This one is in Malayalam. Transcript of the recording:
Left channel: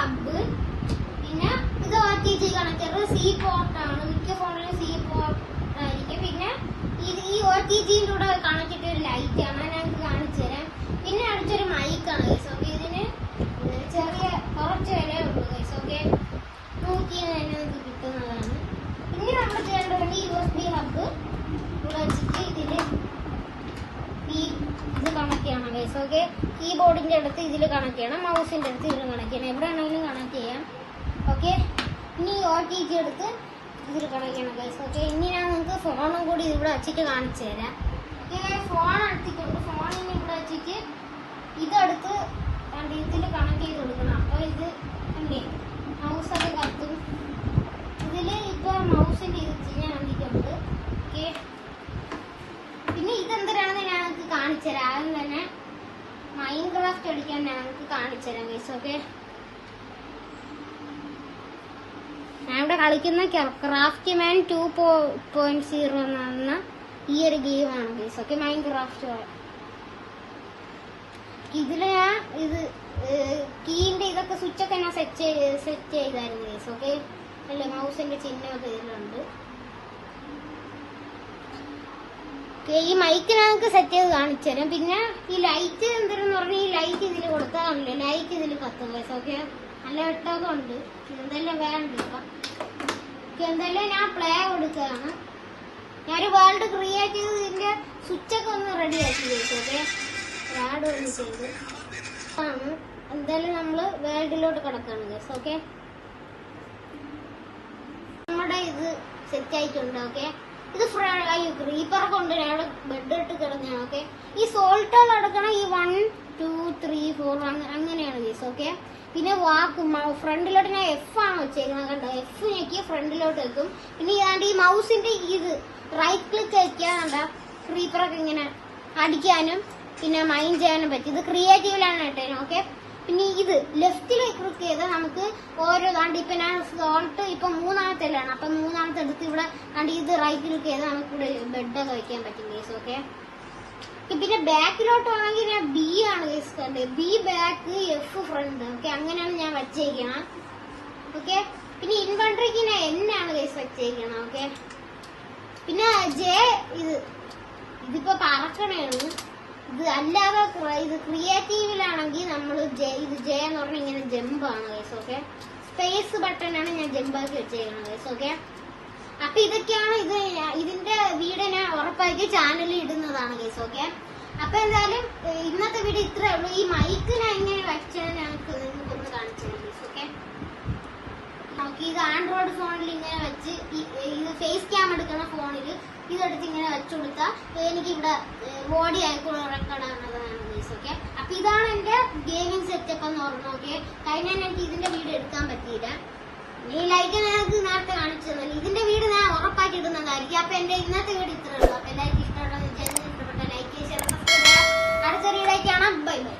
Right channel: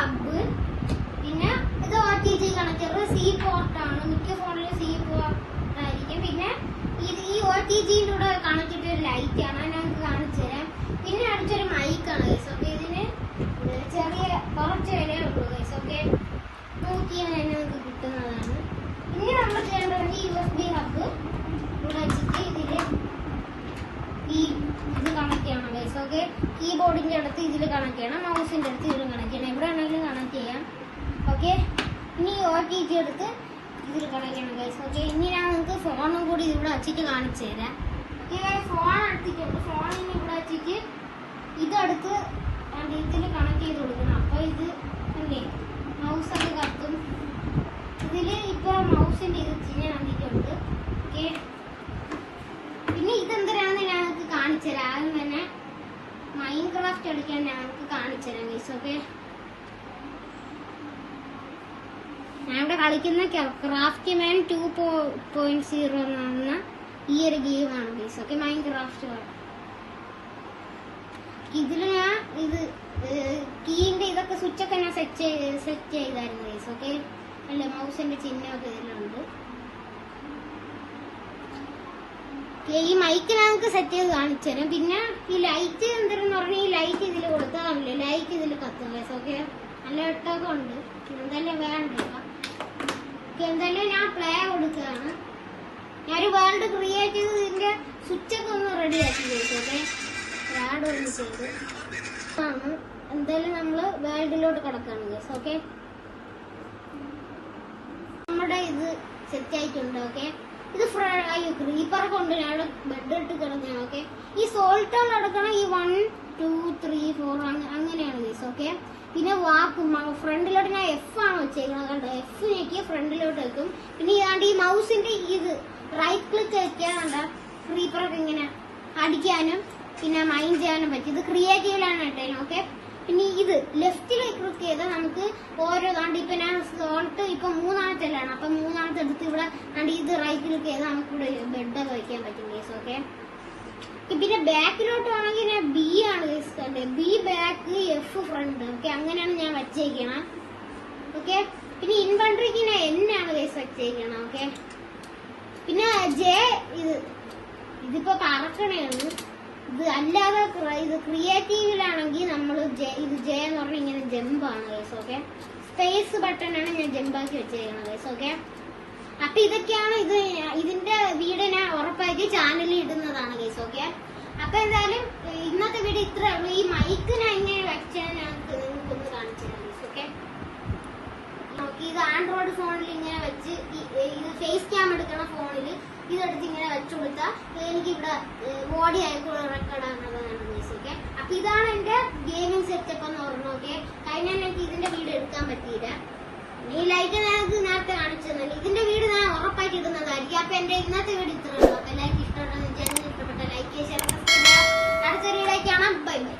ഹബ്, പിന്നെ ഇത് OTG കണക്ടർ, സി പോർട്ടാണ്. മിക്ക ഫോണിലും സി പോർട്ടായിരിക്കും. പിന്നെ ഈ OTGയുടെ കൂടെ കണക്ട് ചെയ്ത ഒരു ലൈറ്റ് ആണ്, ഞാൻ കാണിച്ചു തരാം. പിന്നെ അടുത്തൊരു മൈക്കാണ് ഗൈസ്. ഓക്കെ, ഇതിന് ചെറിയ കുറച്ച് വില ഉള്ളൂ ഗൈസ്. ഓക്കെ, നോക്കിയാൽ തന്നെ നമുക്ക് കിട്ടുന്നതാണ്. പിന്നെ നമ്മൾ ചെയ്യേണ്ടത് USB ഹബ് ഇവിടെ വെച്ചിട്ട് ഇത് കണക്ട് ചെയ്യണം ഗൈസ്. ഓക്കെ, കീബോർഡിന്റെ അടുത്ത് ഇതിൽ കണക്ട് ചെയ്യണം, മൗസിന്റെ അടുത്ത് ഇതിൽ കണക്ട് ചെയ്യണം, എവിടെ വേണമെങ്കിലും കണക്ട് ചെയ്യാം. ഓക്കെ, ഇനി OTG എടുത്ത് ഇതിൽ കണക്ട് ചെയ്യണം ഗൈസ്. ഓക്കെ, ഇനി ഞാൻ നിങ്ങൾക്ക് ഫോണും കൂടി ഇവിടെ വെച്ചിട്ട് കാണിച്ചു തരാം. ഓക്കെ, ഫോൺ എടുത്തിട്ടുണ്ട്. ഫോണിന് ഇവിടെ വെച്ചിട്ട് ഇതെടുത്ത് ഇതിൽ കണക്ട് ചെയ്ത് കൊടുക്കണം. അപ്പോൾ ഇത് എന്തേ മൗസൊക്കെ കത്തും. ഇതില് ഇപ്പൊ മൗസിന്റെ ഇത് ഞാൻ കണ്ടിട്ടുണ്ട്. ഓക്കെ, പിന്നെ ഇതെന്തിനാണെന്ന് ഞങ്ങൾക്ക് കാണിച്ചു തരാം. ആദ്യം തന്നെ മൈൻക്രാഫ്റ്റ് കളിക്കാൻ ഞങ്ങൾക്ക് കാണിച്ചു തരാം ഗൈസ്. ഓക്കെ, ഞാനിവിടെ കളിക്കുന്ന ക്രാഫ്റ്റ് മാൻ 2.0 എന്ന ഈ ഒരു ഗെയിമാണ് ഗൈസ്. Okay, Minecraft. ഇതില് ഞാൻ ഇത് കീന്റെ ഇതൊക്കെ സ്വിച്ചൊക്കെ ഞാൻ സെറ്റ് ചെയ്തായിരുന്നു ഗൈസ്. ഓക്കെ, അല്ല മൗസിന്റെ ചിഹ്നമൊക്കെ ഇതിലുണ്ട്. ഈ മൈക്ക് ഞങ്ങൾക്ക് സെറ്റ് ചെയ്ത് കാണിച്ചു തരാം. പിന്നെ ഈ ലൈറ്റ് എന്തെന്ന് പറഞ്ഞാൽ ഈ ലൈറ്റ് ഇതിൽ കൊടുക്കാറില്ല, ലൈറ്റ് ഇതിൽ കത്തും ഗൈസ്. ഓക്കെ, നല്ല വെട്ടമൊക്കെ ഉണ്ട്. എന്തെല്ലാം വേണ്ട എന്തെല്ലാം ഞാൻ പ്ലേ കൊടുക്കുകയാണ്. ഞാനൊരു വേൾഡ് ക്രിയേറ്റ് ചെയ്ത് ഇതിന്റെ സ്വിച്ചൊക്കെ ഒന്ന് റെഡി ആക്കി ഗൈസ്. ഓക്കെ, ആഡ് ഒന്ന് ചെയ്ത് ആണ് എന്തായാലും നമ്മള് വേൾഡിലോട്ട് കിടക്കാണ് ഗൈസ്. ഓക്കെ, നമ്മുടെ ഇത് സെറ്റ് ആയിട്ടുണ്ട്. ഓക്കെ, ഇത് ക്രീപ്പർ കൊണ്ട് ഞാൻ ബെഡ് ഇട്ട് കിടഞ്ഞ. ഓക്കെ, ഈ സോൾട്ടുകൾ എടുക്കണം. ഈ 1 2 3 4 അങ്ങനെയാണ് ഗൈസ്. ഓക്കെ, പിന്നെ വാക്ക് ഫ്രണ്ടിലോട്ട് ഞാൻ F ആണ് വെച്ചേക്കുന്നത്. കണ്ടോ, F ഞെക്കിയ ഫ്രണ്ടിലോട്ട് വെക്കും. പിന്നെ ഈ മൗസിന്റെ ഇത് റൈറ്റ് ക്ലിക്ക് വെക്കാൻ കണ്ട ക്രീപ്പറൊക്കെ ഇങ്ങനെ അടിക്കാനും പിന്നെ മൈൻഡ് ചെയ്യാനും പറ്റും. ഇത് ക്രിയേറ്റീവിലാണ് കേട്ടേനും. ഓക്കെ, പിന്നെ ഇത് ലെഫ്റ്റിൽ ക്ലിക്ക് ചെയ്താൽ നമുക്ക് ഓരോ ദാണ്ട് ഇപ്പൊ ഞാൻ സോൾട്ട് ഇപ്പൊ 3ാമത്തെല്ലാണ്. അപ്പൊ 3ാമത്തെ എടുത്ത് ഇവിടെ കണ്ട് ഇത് റൈറ്റ് ക്ലിക്ക് ചെയ്താൽ നമുക്ക് ഇവിടെ ബെഡൊക്കെ വെക്കാൻ പറ്റും ഗൈസ്. ഓക്കെ, പിന്നെ ബാക്കിലോട്ട് ആണെങ്കിൽ ഞാൻ B ആണ് guys. B back, F front. Okay, അങ്ങനെയാണ് ഞാൻ വച്ചേക്കണം. ഓക്കെ, പിന്നെ ഇൻവെന്ററിക്ക് ഞാൻ N ആണ് ഗൈസ് വച്ചേക്കണം. ഓക്കെ, പിന്നെ J ഇതിപ്പോ പറക്കണേണ്. ഇത് അല്ലാതെ ഇത് ക്രിയേറ്റീവിലാണെങ്കിൽ നമ്മൾ ഇത് J എന്ന് പറഞ്ഞാൽ ഇങ്ങനെ ജമ്പാണ് ഗൈസ്. ഓക്കെ, സ്പേസ് ബട്ടൺ ആണ് ഞാൻ ജമ്പാക്കി വെച്ചേക്കണം ഗൈസ്. ഓക്കെ, അപ്പൊ ഇതൊക്കെയാണ് ഇതിന്റെ വീഡിയോ ഞാൻ ഉറപ്പാക്കി ചാനലിൽ ഇടുന്നതാണ് ഗൈസ്. ഓക്കെ, അപ്പൊ എന്തായാലും ഇന്നത്തെ വീഡിയോ ഇത്രേ ഉള്ളൂ. ഈ മൈക്ക് ഞാൻ ഇങ്ങനെ വെച്ചാൽ ഞങ്ങൾക്ക് ഒന്ന് കാണിച്ചു തരാം ഗൈസ്. ഓക്കെ, നോക്കി ഇത് ആൻഡ്രോയിഡ് ഫോണിൽ ഇങ്ങനെ വെച്ച് ഇത് ഫേസ് ക്യാം എടുക്കുന്ന ഫോണിൽ ഇതെടുത്ത് ഇങ്ങനെ വെച്ചു കൊടുത്താൽ എനിക്ക് ഇവിടെ ബോഡി ആയിട്ടുള്ള റെക്കോർഡാകുന്നതാണ് ഗൈസ്. ഓക്കെ, അപ്പൊ ഇതാണ് എന്റെ ഗെയിമിംഗ് സെറ്റപ്പ് എന്ന് പറഞ്ഞു. ഓക്കെ, കഴിഞ്ഞാൽ എനിക്ക് ഇതിന്റെ വീഡിയോ എടുക്കാൻ പറ്റിയില്ല. ഈ ലൈറ്റ് ഞങ്ങൾക്ക് നേരത്തെ കാണിച്ചു തന്നു. ഇതിന്റെ വീഡിയോ ഞാൻ ഉറപ്പായിട്ട് ഇടുന്നതായിരിക്കും. അപ്പൊ എന്റെ ഇന്നത്തെ വീഡിയോ ഇത്രയുള്ളൂ. അപ്പൊ എല്ലാവർക്കും ഇഷ്ടപ്പെട്ട ലൈക്ക് ചെയ്യാൻ അടുത്ത വീഡിയോ കാണാം. Bye bye.